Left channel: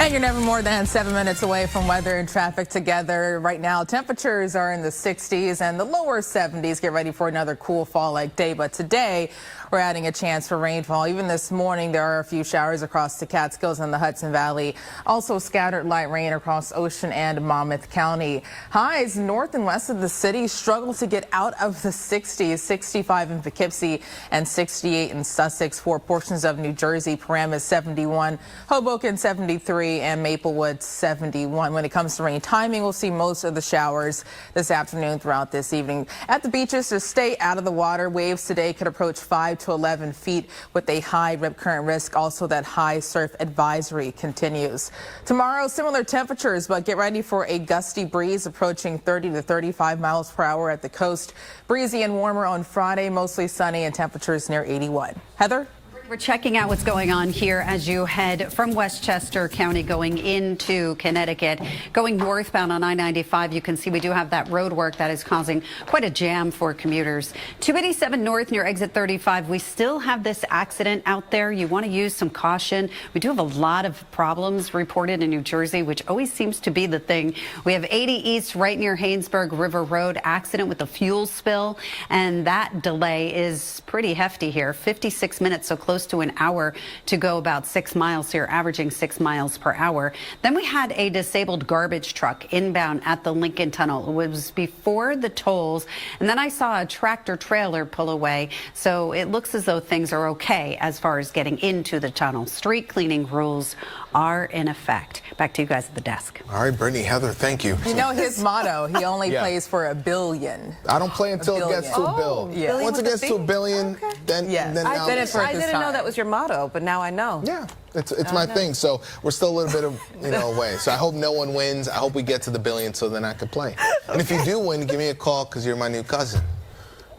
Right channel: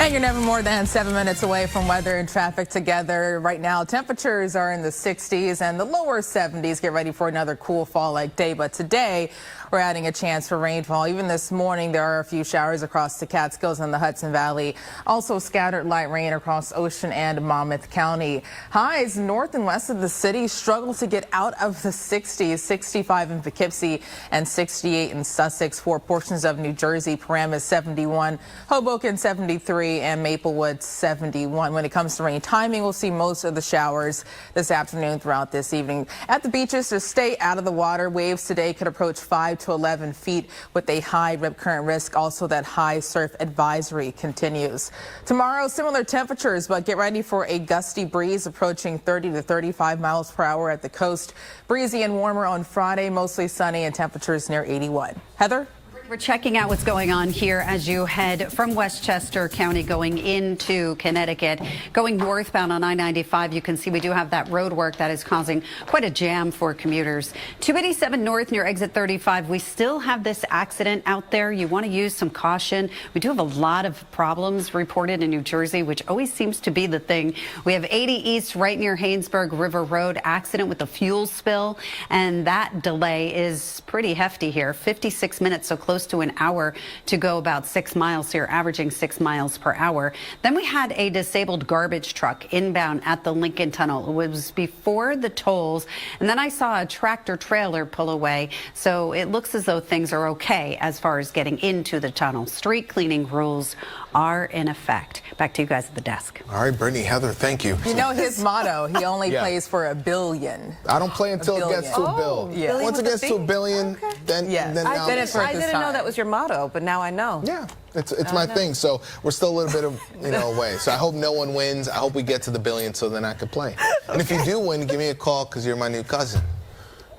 And you're never more than 7 minutes away from weather and traffic together. Right now, temperatures are in the 60s and the lower 70s. Get ready for another cool fall-like day. But today, we're adding a chance for rainfall. Even this morning, there are a few showers across the Catskills and the Hudson Valley. Also scattered light rain across Ocean and Monmouth County. Highs north and west of the city struggle to get out of the 60s. 65 in Poughkeepsie and 68 in Sussex. For portions of New Jersey, Paramus 71, Hoboken 73, and Maplewood 71. When it comes to rain timing, we'll see most of the showers this afternoon throughout this evening. At the beaches, so stay out of the water. Waves today could approach 5 to 11 feet with a high rip current risk. Also, that high surf advisory continues. Tomorrow, similar temperatures, but get ready for a gusty breeze approaching 30 to 35 miles per hour at the coast. Breezy and warmer on Friday, mostly sunny and temperatures near 81. Heather? We're checking out what's going on here as you head from Westchester County going into Connecticut. Going northbound on I-95, you can see we do have that road work that is causing quite a jam for commuters. 287 north near exit 35, we still have this accident out there. You want to use some caution. We do have a lot of problems reported in New Jersey, which always seems to be the thing. We have 80 east right near Haynesburg River Road, accident with a fuel spill, and that delay is pretty hefty here. 56 minutes, so close to an hour to go about 6 miles here, averaging 6 miles per hour. Then we had a disabled garbage truck inbound at the Lincoln Tunnel. It was before the tolls, and then I saw a tractor trailer pull away, so it looks as though things are okay as far as getting into the tunnel. Street cleaning rules are in effect. Back to you guys at the desk. All right, Brittany, Heather, thank you. You know his motto, he only plays for $1 billion. I don't play until it gets to a bill. Yeah. Once it gets to $1 billion, then I didn't know that was your motto, but now I know. Yeah, it's my thing. So we're still a little bit of away. So I hope no one wins. I hope we get to the $1 billion so then I can play. And if you do win, give me a call because you're my new cousin.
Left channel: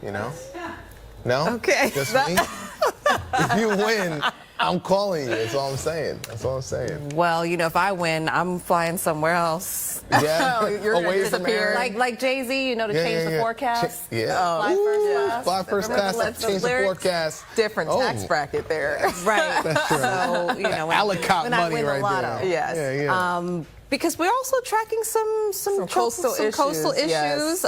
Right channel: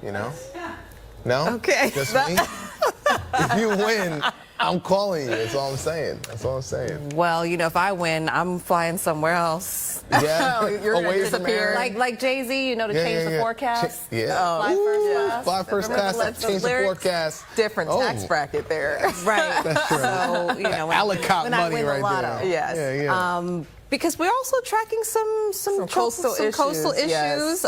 You know? No? Okay. Just me? If you win, I'm calling you. That's all I'm saying. That's all I'm saying. Well, you know, if I win, I'm flying somewhere else. Yeah. You're going to disappear. Like Jay-Z, you know, to change the forecast. Yeah. Fly first class. Fly first class, change the forecast. Different tax bracket there. Right. That's true. So, you know, when I win money the right lotto. there. Yes. Yeah. Because we're also tracking some coastal issues. Yes.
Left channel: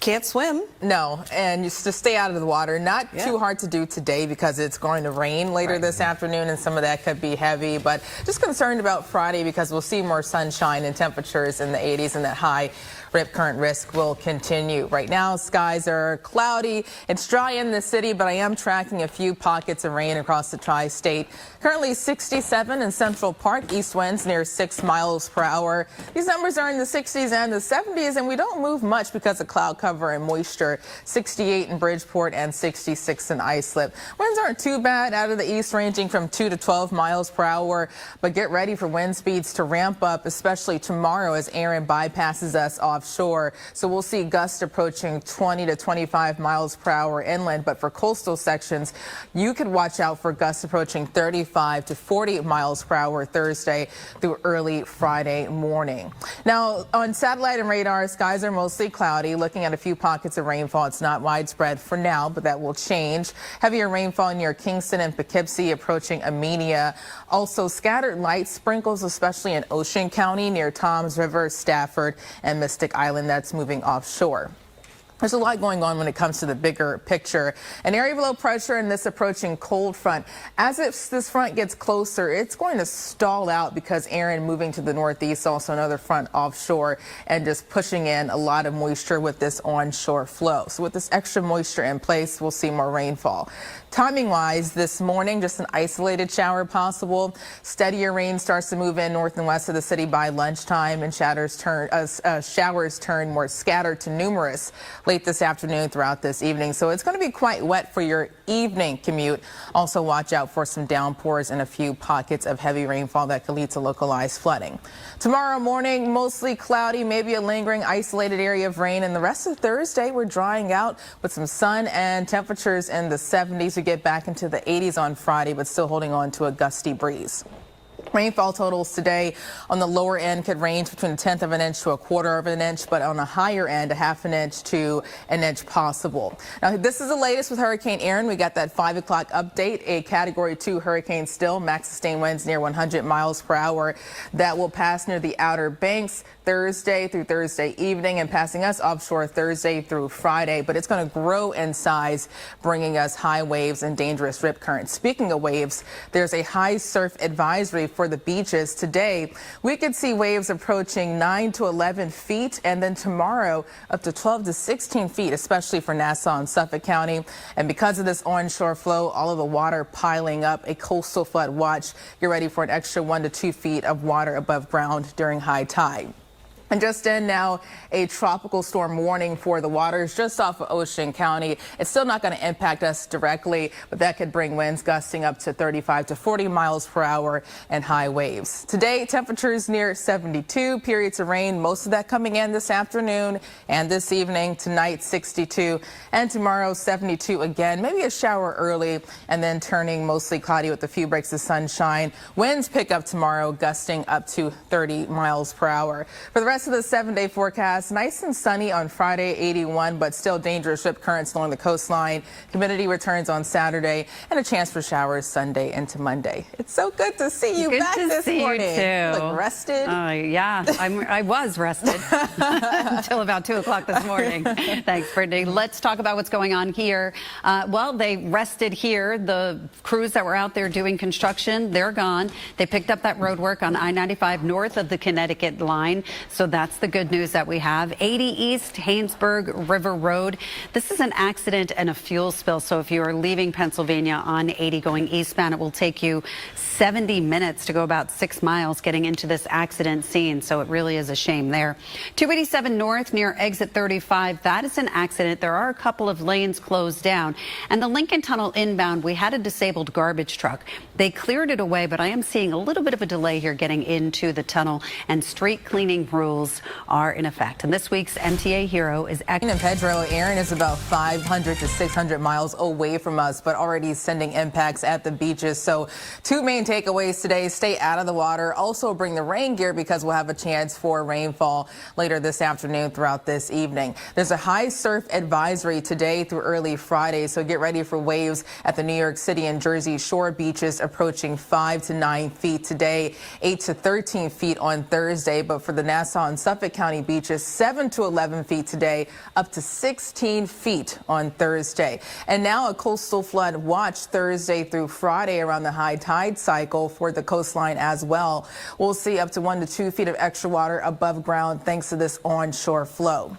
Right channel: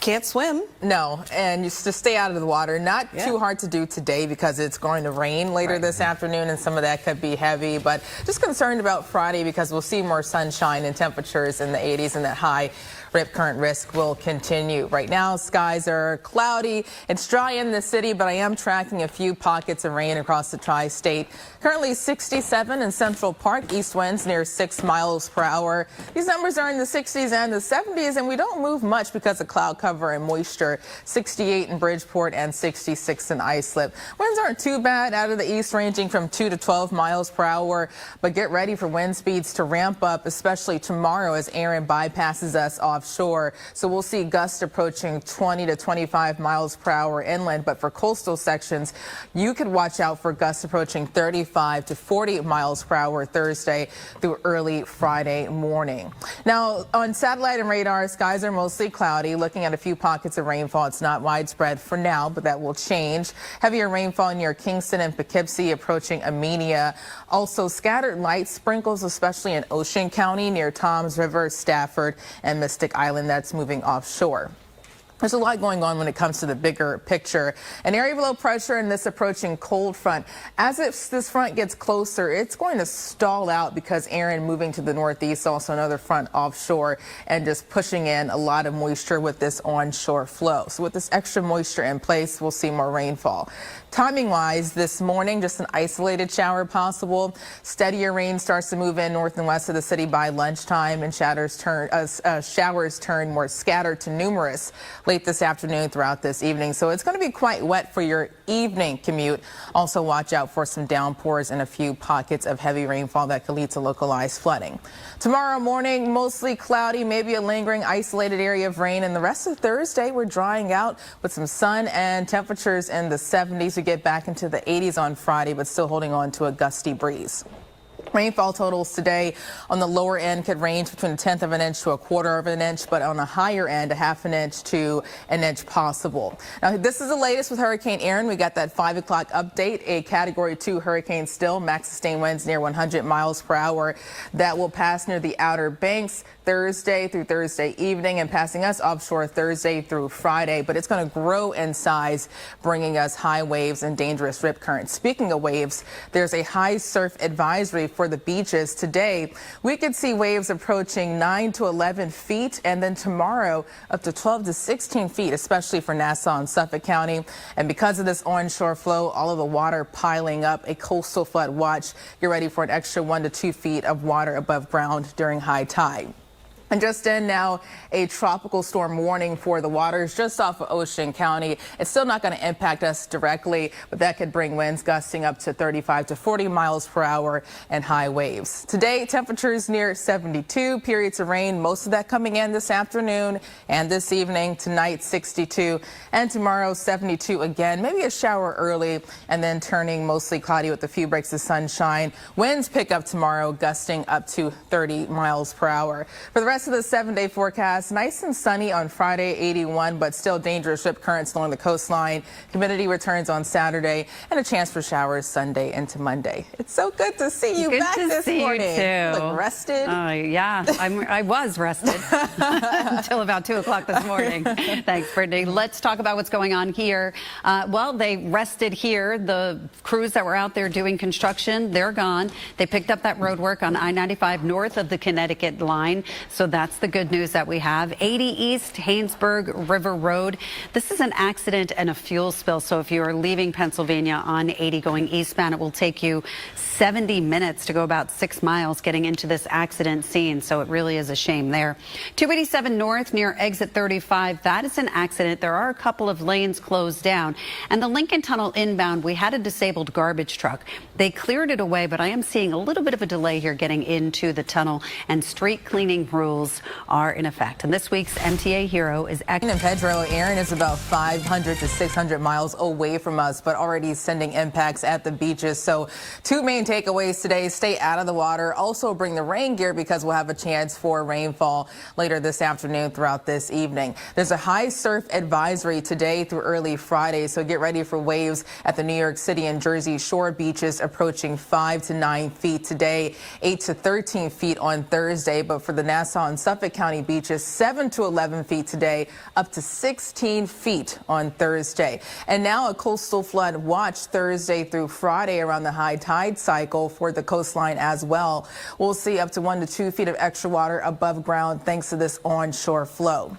Can't swim. No, and just to stay out of the water. Not too hard to do today because it's going to rain later this afternoon, and some of that could be heavy. But just concerned about Friday because we'll see more sunshine and temperatures in the 80s, and that high rip current risk will continue. Right now, skies are cloudy. It's dry in the city, but I am tracking a few pockets of rain across the tri-state. Currently 67 in Central Park, east winds near 6 miles per hour. These numbers are in the 60s and the 70s, and we don't move much because of cloud cover and moisture. 68 in Bridgeport and 66 in Islip. Winds aren't too bad out of the east, ranging from 2 to 12 miles per hour, but get ready for wind speeds to ramp up, especially tomorrow as Erin bypasses us offshore. So we'll see gusts approaching 20 to 25 miles per hour inland, but for coastal sections, you could watch out for gusts approaching 35 to 40 miles per hour Thursday through early Friday morning. Now, on satellite and radar, skies are mostly cloudy, looking at a few pockets of rainfall. It's not widespread for now, but that will change. Heavier rainfall near Kingston and Poughkeepsie approaching Amenia. Also scattered light sprinkles, especially in Ocean County near Toms River, Stafford, and Mystic Island. That's moving offshore. There's a lot going on when it comes to the bigger picture. An area of low pressure and this approaching cold front. As this front gets closer, it's going to stall out because Erin moving to the northeast, also another front offshore, and just pushing in a lot of moisture with this onshore flow. So with this extra moisture in place, we'll see more rainfall. Timing-wise, this morning, just an isolated shower possible. Steadier rain starts to move in north and west of the city by lunchtime, and showers turn more scattered to numerous late this afternoon throughout this evening. So it's going to be quite wet for your evening commute. Also watch out for some downpours and a few pockets of heavy rainfall that could lead to localized flooding. Tomorrow morning, mostly cloudy, maybe a lingering isolated area of rain. And the rest of Thursday, we're drying out with some sun and temperatures in the 70s. We get back into the 80s on Friday, but still holding on to a gusty breeze. Rainfall totals today on the lower end could range between 1/10 of an inch to 1/4 of an inch, but on the higher end, 1/2 an inch to an inch possible. Now, this is the latest with Hurricane Erin. We got that 5 o'clock update, a Category 2 hurricane still, max sustained winds near 100 miles per hour that will pass near the Outer Banks Thursday through Thursday evening and passing us offshore Thursday through Friday, but it's going to grow in size, bringing us high waves and dangerous rip currents. Speaking of waves, there's a high surf advisory for the beaches today. We could see waves approaching 9 to 11 feet, and then tomorrow up to 12 to 16 feet, especially for Nassau and Suffolk County. And because of this onshore flow, all of the water piling up, a coastal flood watch. Get ready for an extra 1 to 2 feet of water above ground during high tide. And just in now, a tropical storm warning for the waters just off of Ocean County. It's still not going to impact us directly, but that could bring winds gusting up to 35 to 40 miles per hour and high waves. Today, temperatures near 72, periods of rain, most of that coming in this afternoon and this evening. Tonight, 62, and tomorrow, 72 again. Maybe a shower early and then turning mostly cloudy with a few breaks of sunshine. Winds pick up tomorrow, gusting up to 30 miles per hour. For the rest of the 7-day forecast, nice and sunny on Friday, 81, but still dangerous rip currents along the coastline. Humidity returns on Saturday and a chance for showers Sunday into Monday. It's so good to see you back this morning. You too. Look rested. Yeah, I was rested until about 2 o'clock this morning. Thanks, Brittany. Let's talk about what's going on here. Well, they rested here. The crews that were out there doing construction, they're gone. They picked up that road work on I-95 north of the Connecticut line. So that's the good news that we have. 80 East Haynesburg River Road. This is an accident and a fuel spill. So if you are leaving Pennsylvania on 80 going eastbound, it will take you 70 minutes to go about 6 miles getting into this accident scene. So it really is a shame there. 287 North near exit 35. That is an accident. There are a couple of lanes closed down. And the Lincoln Tunnel inbound, we had a disabled garbage truck. They cleared it away, but I am seeing a little bit of a delay here getting into the tunnel, and street cleaning rules are in effect. And this week's MTA hero is In Pedro, Erin is about 500 to 600 miles away from us, but already sending impacts at the beaches. So 2 main takeaways today: stay out of the water. Also bring the rain gear because we'll have a chance for rainfall later this afternoon throughout this evening. There's a high surf advisory today through early Friday, so get ready for waves at the New York City and Jersey Shore beaches approaching 5 to 9 feet today, 8 to 13 feet on Thursday. But for the Nassau and Suffolk County beaches, 7 to 11 feet today, up to 16 feet on Thursday. And now a coastal flood watch Thursday through Friday around the high tide cycle for the coastline as well. We'll see up to 1 to 2 feet of extra water above ground thanks to this onshore flow.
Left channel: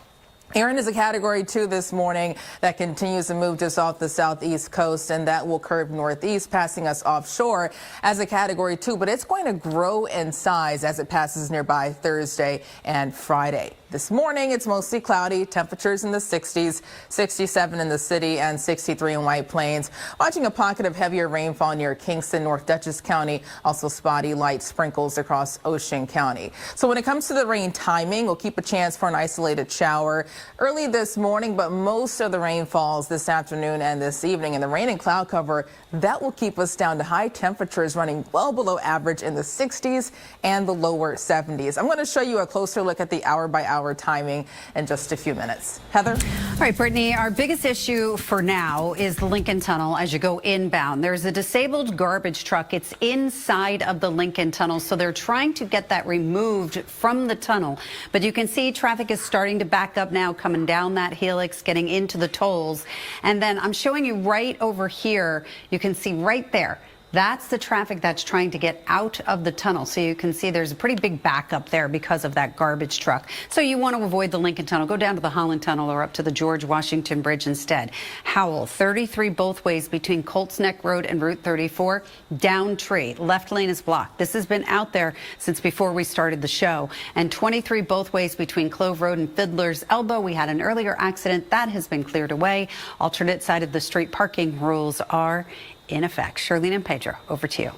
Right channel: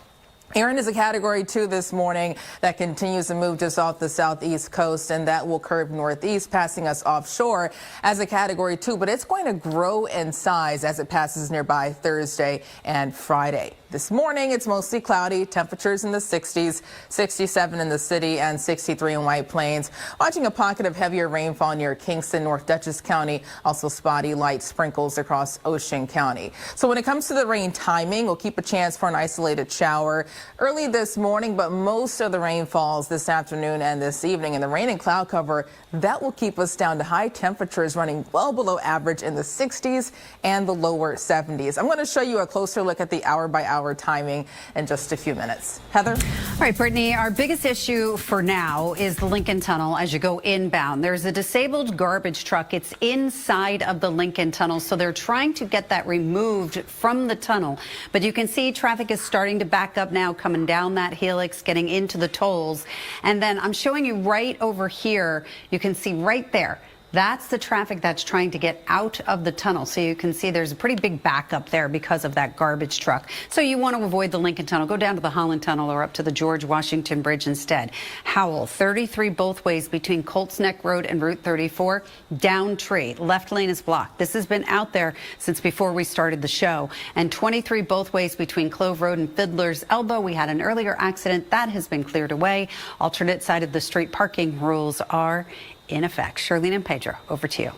Erin is a Category 2 this morning that continues to move just off the southeast coast, and that will curve northeast, passing us offshore as a Category 2, but it's going to grow in size as it passes nearby Thursday and Friday. This morning, it's mostly cloudy, temperatures in the 60s, 67 in the city and 63 in White Plains. Watching a pocket of heavier rainfall near Kingston, North Dutchess County, also spotty light sprinkles across Ocean County. So when it comes to the rain timing, we'll keep a chance for an isolated shower early this morning, but most of the rain falls this afternoon and this evening. And the rain and cloud cover, that will keep us down to high temperatures running well below average in the 60s and the lower 70s. I'm going to show you a closer look at the hour-by-hour timing in just a few minutes. Heather? All right, Brittany, our biggest issue for now is the Lincoln Tunnel as you go inbound. There's a disabled garbage truck. It's inside of the Lincoln Tunnel, so they're trying to get that removed from the tunnel. But you can see traffic is starting to back up now, coming down that helix, getting into the tolls. And then I'm showing you right over here, you can see right there. That's the traffic that's trying to get out of the tunnel. So you can see there's a pretty big backup there because of that garbage truck. So you want to avoid the Lincoln Tunnel. Go down to the Holland Tunnel or up to the George Washington Bridge instead. Howell, 33 both ways between Colts Neck Road and Route 34. Downtree, left lane is blocked. This has been out there since before we started the show. And 23 both ways between Clove Road and Fiddler's Elbow. We had an earlier accident. That has been cleared away. Alternate side of the street parking rules are in effect. Charlene and Pedro, over to you.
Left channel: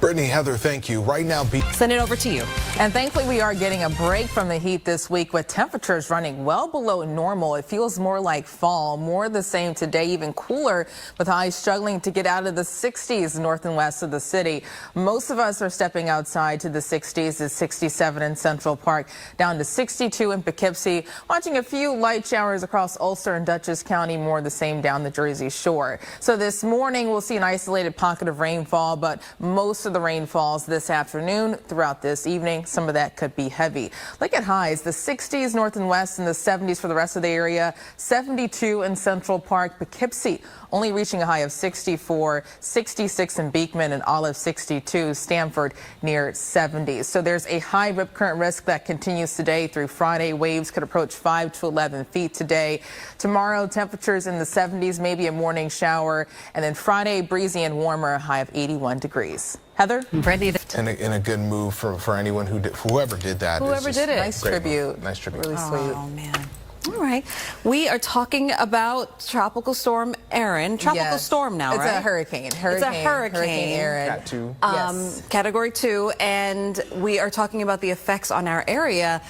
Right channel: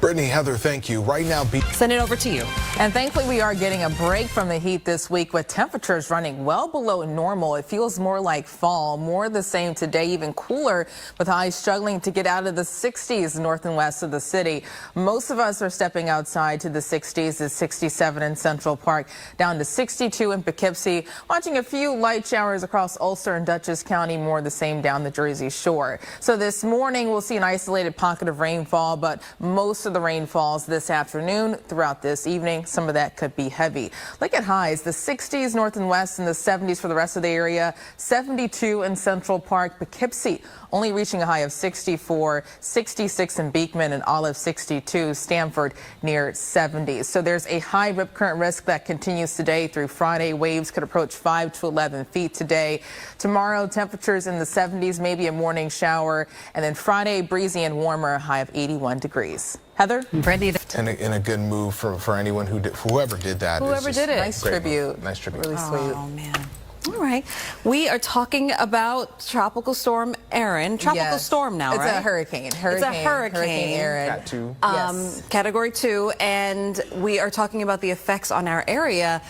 Brittany, Heather, thank you. Right now, Send it over to you. And thankfully, we are getting a break from the heat this week with temperatures running well below normal. It feels more like fall, more the same today, even cooler, with highs struggling to get out of the 60s north and west of the city. Most of us are stepping outside to the 60s. It's 67 in Central Park, down to 62 in Poughkeepsie. Watching a few light showers across Ulster and Dutchess County, more the same down the Jersey Shore. So this morning, we'll see an isolated pocket of rainfall, but most of the rain falls this afternoon. Throughout this evening, some of that could be heavy. Look at highs, the 60s north and west and the 70s for the rest of the area. 72 in Central Park, Poughkeepsie only reaching a high of 64, 66 in Beekman and Olive 62, Stamford near 70. So there's a high rip current risk that continues today through Friday. Waves could approach 5 to 11 feet today. Tomorrow, temperatures in the 70s, maybe a morning shower. And then Friday, breezy and warmer, a high of 81 degrees. Heather? Brittany. in a good move for anyone whoever did that. Whoever did it. Nice Great tribute. move. Nice tribute. Really sweet. Oh, man. All right. We are talking about Tropical Storm Erin. Tropical Yes. storm now, it's right? a hurricane. It's a hurricane. Hurricane Erin. Cat 2. Yes. Category 2, and we are talking about the effects on our area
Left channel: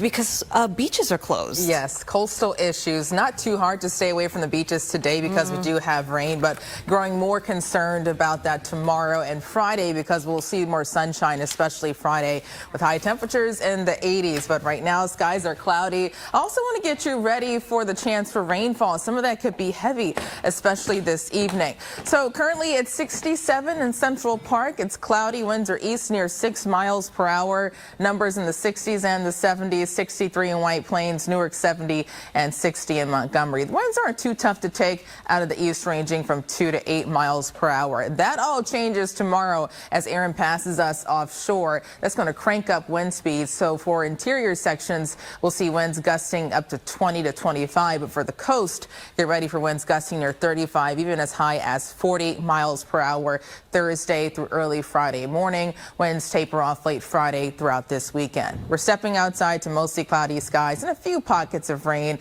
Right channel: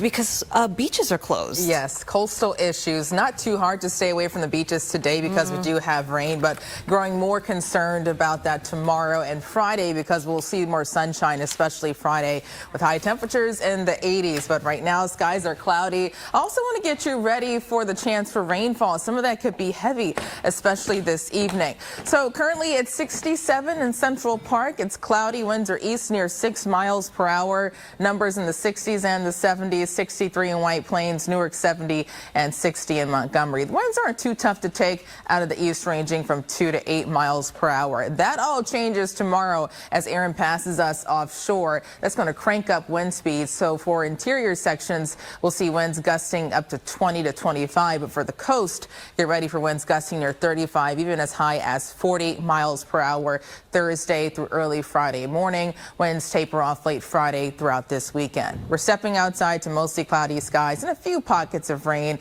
because beaches are closed. Yes, coastal issues. Not too hard to stay away from the beaches today because we do have rain, but growing more concerned about that tomorrow and Friday because we'll see more sunshine, especially Friday with high temperatures in the 80s. But right now, skies are cloudy. I also want to get you ready for the chance for rainfall. Some of that could be heavy, especially this evening. So currently it's 67 in Central Park. It's cloudy. Winds are east near 6 miles per hour. Numbers in the 60s and the 70s. 63 in White Plains, Newark 70 and 60 in Montgomery. The winds aren't too tough to take out of the east, ranging from 2 to 8 miles per hour. That all changes tomorrow as Erin passes us offshore. That's going to crank up wind speeds. So for interior sections, we'll see winds gusting up to 20 to 25. But for the coast, get ready for winds gusting near 35, even as high as 40 miles per hour Thursday through early Friday morning. Winds taper off late Friday throughout this weekend. We're stepping outside to mostly cloudy skies and a few pockets of rain.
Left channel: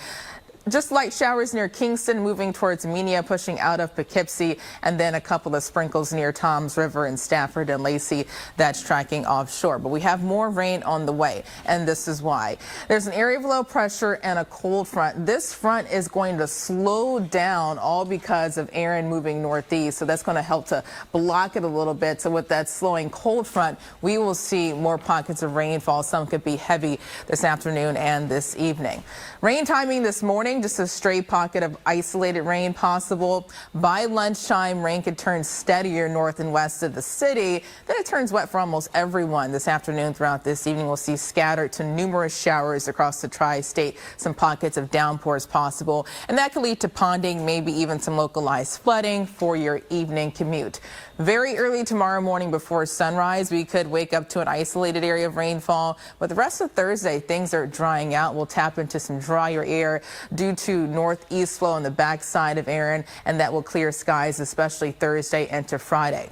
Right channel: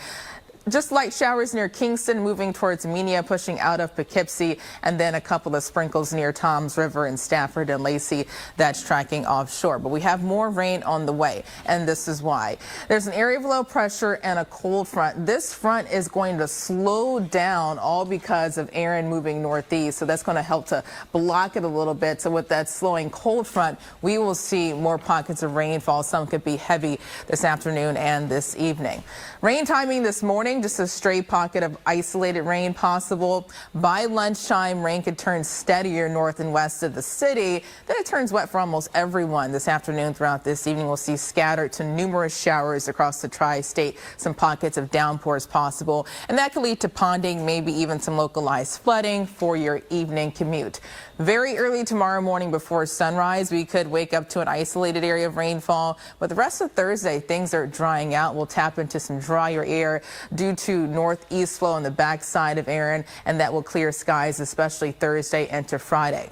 Just light showers near Kingston, moving towards Menia, pushing out of Poughkeepsie, and then a couple of sprinkles near Toms River and Stafford and Lacey. That's tracking offshore. But we have more rain on the way, and this is why. There's an area of low pressure and a cold front. This front is going to slow down, all because of Erin moving northeast, so that's going to help to block it a little bit. So with that slowing cold front, we will see more pockets of rainfall. Some could be heavy this afternoon and this evening. Rain timing this morning. Just a straight pocket of isolated rain possible. By lunchtime, rain could turn steadier north and west of the city. Then it turns wet for almost everyone this afternoon. Throughout this evening, we'll see scattered to numerous showers across the tri-state. Some pockets of downpours possible. And that could lead to ponding, maybe even some localized flooding for your evening commute. Very early tomorrow morning before sunrise, we could wake up to an isolated area of rainfall. But the rest of Thursday, things are drying out. We'll tap into some drier air due to northeast flow on the backside of Erin, and that will clear skies, especially Thursday into Friday.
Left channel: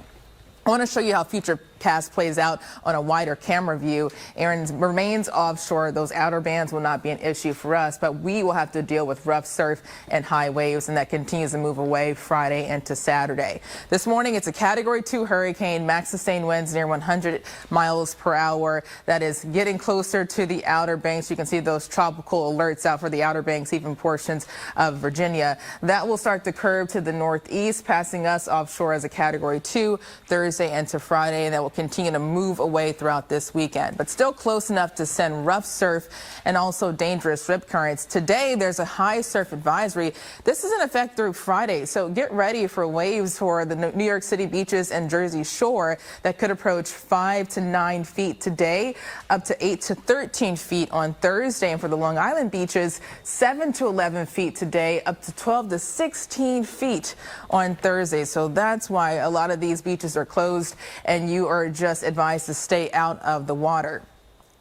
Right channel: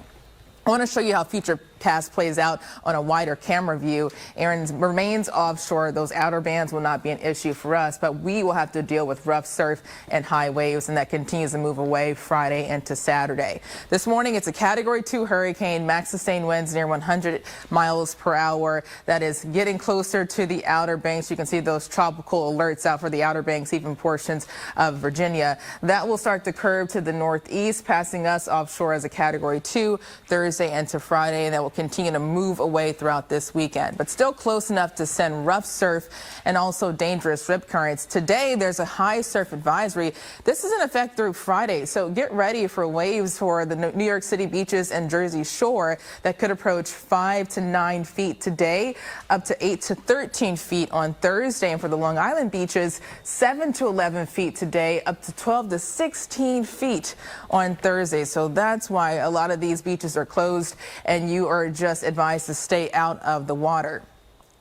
I want to show you how future past plays out on a wider camera view. Erin remains offshore. Those outer bands will not be an issue for us, but we will have to deal with rough surf and high waves, and that continues to move away Friday into Saturday. This morning, it's a Category 2 hurricane, max sustained winds near 100 miles per hour. That is getting closer to the Outer Banks. You can see those tropical alerts out for the Outer Banks, even portions of Virginia. That will start to curve to the northeast, passing us offshore as a Category 2 Thursday into Friday, and that will continue to move away throughout this weekend, but still close enough to send rough surf and also dangerous rip currents. Today, there's a high surf advisory. This is in effect through Friday, so get ready for waves for the New York City beaches and Jersey Shore that could approach 5 to 9 feet today, up to 8 to 13 feet on Thursday. And for the Long Island beaches, 7 to 11 feet today, up to 12 to 16 feet on Thursday. So that's why a lot of these beaches are closed, and you are just advised to stay out of the water.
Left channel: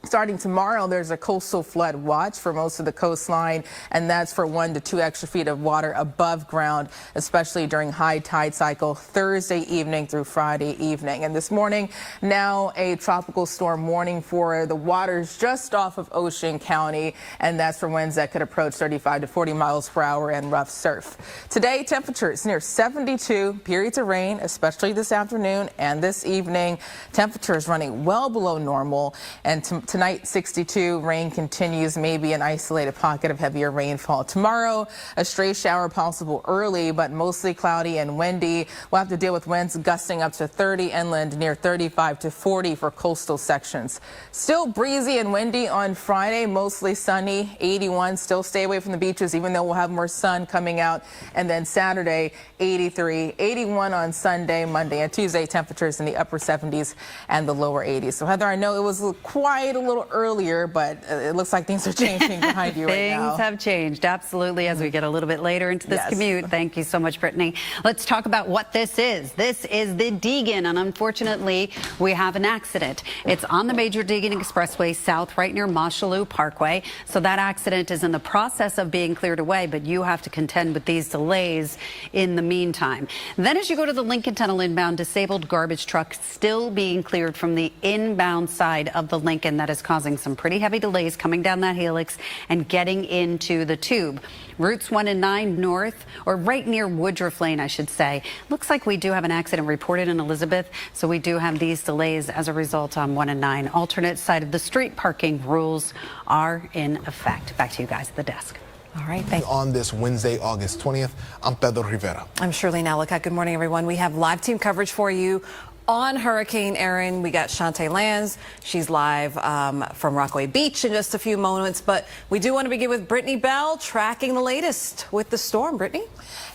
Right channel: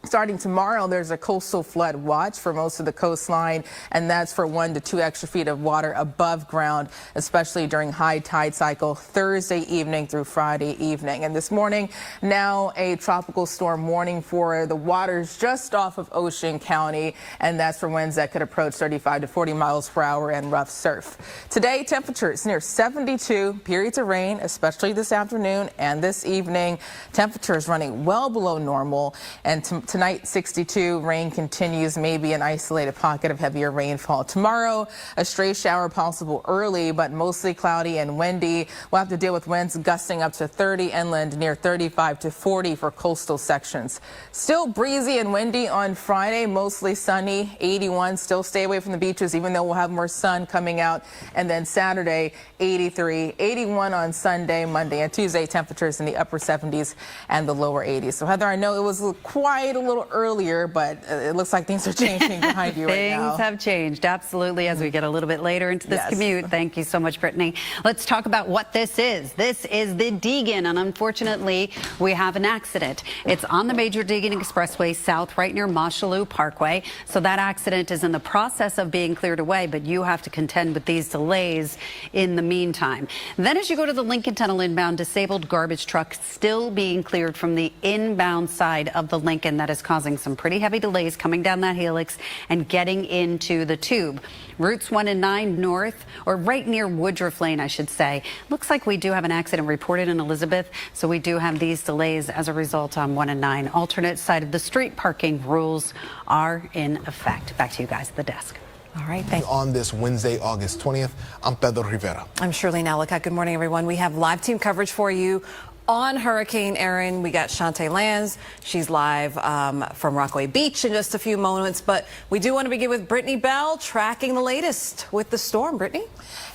Starting tomorrow, there's a coastal flood watch for most of the coastline, and that's for 1 to 2 extra feet of water above ground, especially during high tide cycle Thursday evening through Friday evening. And this morning, now a tropical storm warning for the waters just off of Ocean County, and that's for winds that could approach 35 to 40 miles per hour and rough surf. Today, temperatures near 72, periods of rain, especially this afternoon and this evening. Temperatures running well below normal, and tonight, 62. Rain continues, maybe an isolated pocket of heavier rainfall. Tomorrow, a stray shower possible early, but mostly cloudy and windy. We'll have to deal with winds gusting up to 30 inland, near 35 to 40 for coastal sections. Still breezy and windy on Friday, mostly sunny, 81. Still stay away from the beaches, even though we'll have more sun coming out. And then Saturday, 83, 81 on Sunday, Monday, and Tuesday, temperatures in the upper 70s and the lower 80s. So, Heather, I know it was quiet a little earlier, but it looks like things are changing behind you right now. Things have changed, absolutely, as we get a little bit later into this commute. Thank you so much, Brittany. Let's talk about what this is. This is the Deegan, and unfortunately, we have an accident. It's on the major Deegan Expressway South, right near Moshalou Parkway. So that accident is in the process of being cleared away, but you have to contend with these delays in the meantime. Then as you go to the Lincoln Tunnel inbound, disabled garbage truck still being cleared from the inbound side of the Lincoln. That is causing some pretty heavy delays coming down that helix and getting into the tube. Routes 1 and 9 north, or right near Woodruff Lane, I should say. Looks like we do have an accident reported in Elizabeth, so we do have these delays as a result on 1 and 9. Alternate side of the street parking rules are in effect. Back to you guys at the desk. All right, thank you. On this Wednesday, August 20th, I'm Pedro Rivera. I'm Shirley Nalica. Good morning, everyone. We have live team coverage for you on Hurricane Erin. We got Shantae Lanz. She's live from Rockaway Beach in just a few moments. But we do want to begin with Brittany Bell tracking the latest with the storm. Brittany?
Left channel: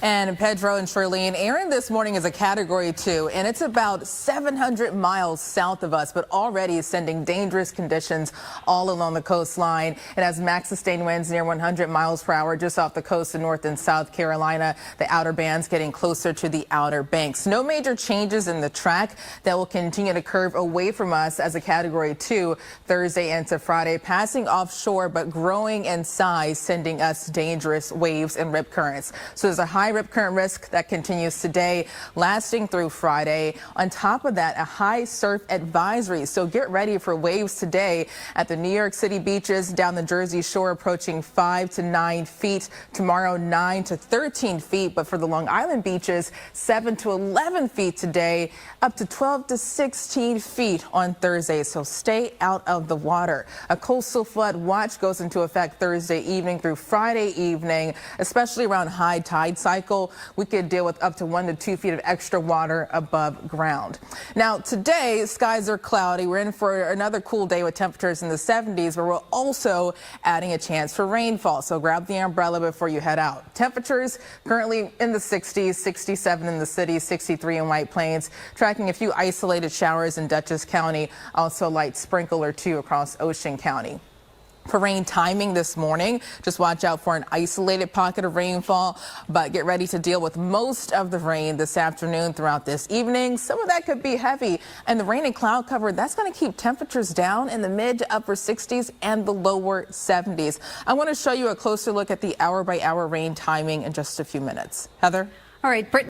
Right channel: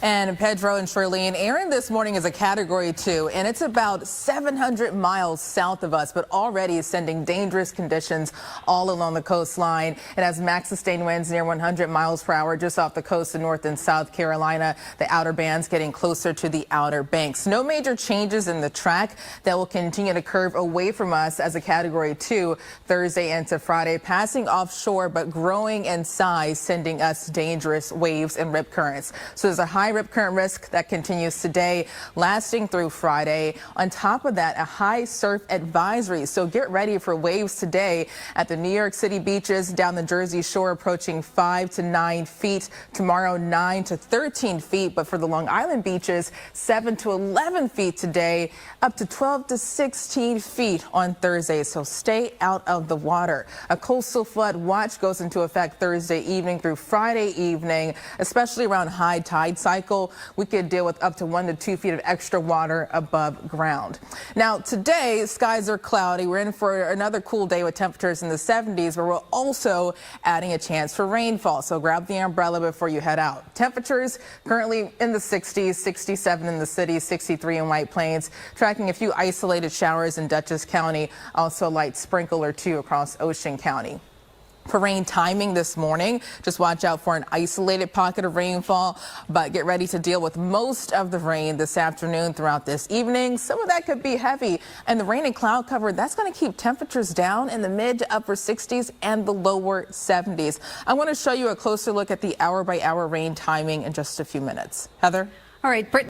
And Pedro and Shirley, Erin this morning is a Category 2, and it's about 700 miles south of us, but already sending dangerous conditions all along the coastline. It has max sustained winds near 100 miles per hour just off the coast of North and South Carolina. The outer bands getting closer to the Outer Banks. No major changes in the track. That will continue to curve away from us as a Category 2 Thursday into Friday, passing offshore but growing in size, sending us dangerous waves and rip currents. So there's a high rip current risk that continues today, lasting through Friday. On top of that, a high surf advisory. So get ready for waves today at the New York City beaches, down the Jersey Shore, approaching 5 to 9 feet. Tomorrow, 9 to 13 feet. But for the Long Island beaches, 7 to 11 feet today, up to 12 to 16 feet on Thursday, so stay out of the water. A coastal flood watch goes into effect Thursday evening through Friday evening, especially around high tide cycle. We could deal with up to 1 to 2 feet of extra water above ground. Now, today, skies are cloudy. We're in for another cool day with temperatures in the 70s, but we're also adding a chance for rainfall, so grab the umbrella before you head out. Temperatures currently in the 60s, 67 in the city, 63 in White Plains, tracking a few isolated showers in Dutchess County, also a light sprinkle or two across Ocean County. For rain timing this morning, just watch out for an isolated pocket of rainfall, but get ready to deal with most of the rain this afternoon throughout this evening. Some of that could be heavy, and the rain and cloud cover, that's going to keep temperatures down in the mid to upper 60s and the lower 70s. I want to show you a closer look at the hour-by-hour rain timing in just a few minutes. Heather? All right, Brittany.